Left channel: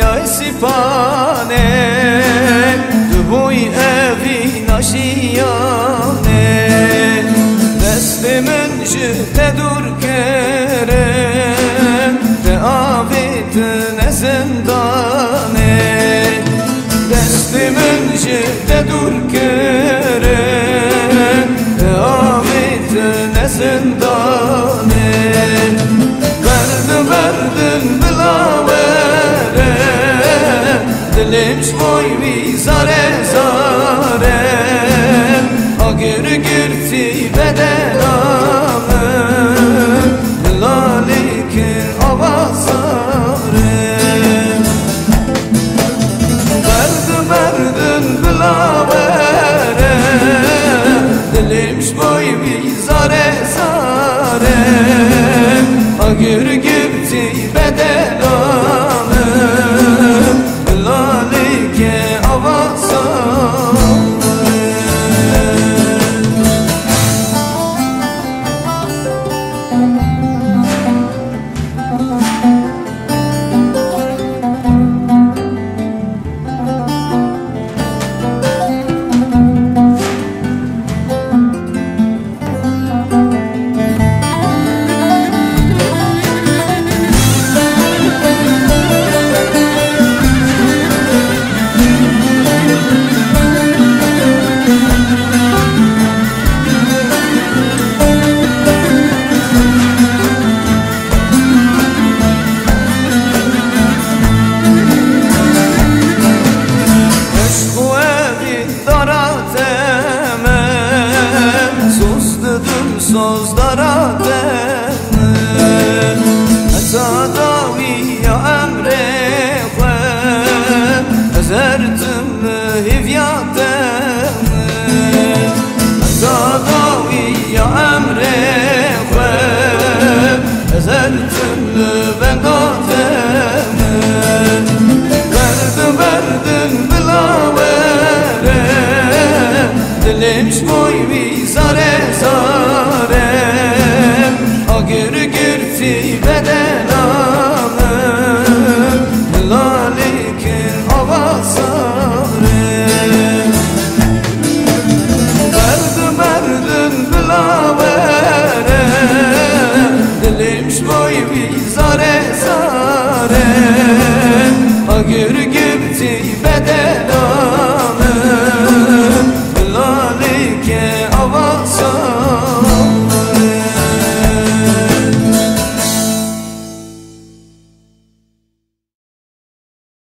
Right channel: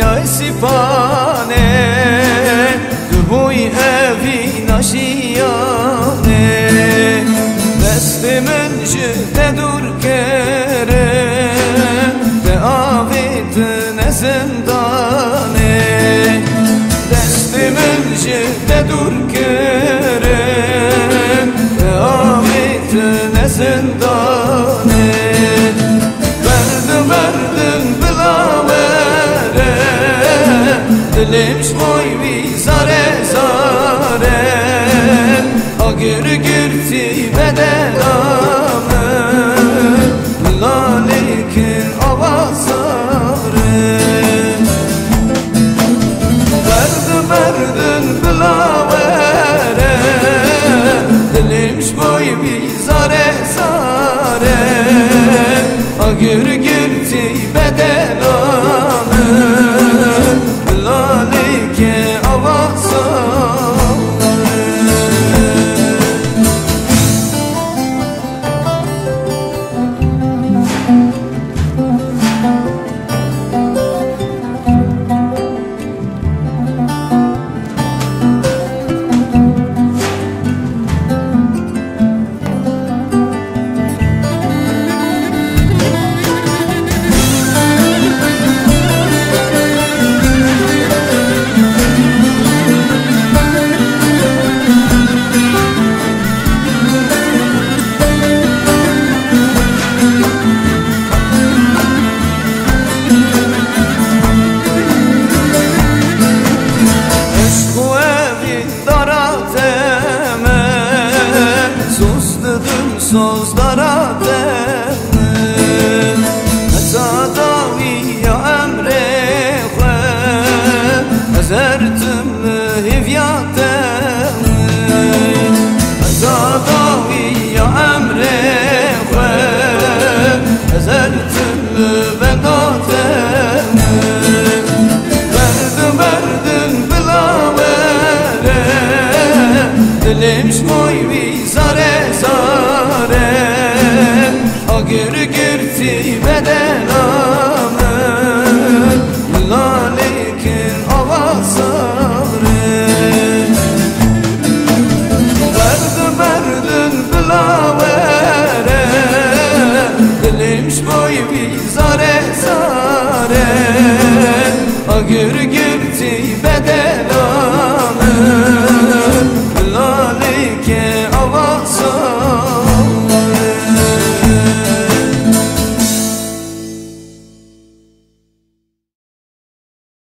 یا سپانه دبوی اوی ناشیانه دست من جده دور کرن ده آویت نزندانه دست من جده دور کرن ده آویت نزندانه Verdin bilavere Dilim şmoy vi zare zare Agir girti bedenamı Lalikir avasare Verdin bilavere Dilim şmoy vi zare zare Agir girti bedenamı Lalike avasare Sözlara demem Heta daviya emre xwe Ezertim lehivya demem Heta daviya emre xwe Ezertim levenda demem Verdin bilavere Dilim şmoy vi zare zare Agir girti bedenamı Lalikir avasare Verdin bilavere Dilim şmoy vi zare zare Agir girti bedenamı Lalike avasa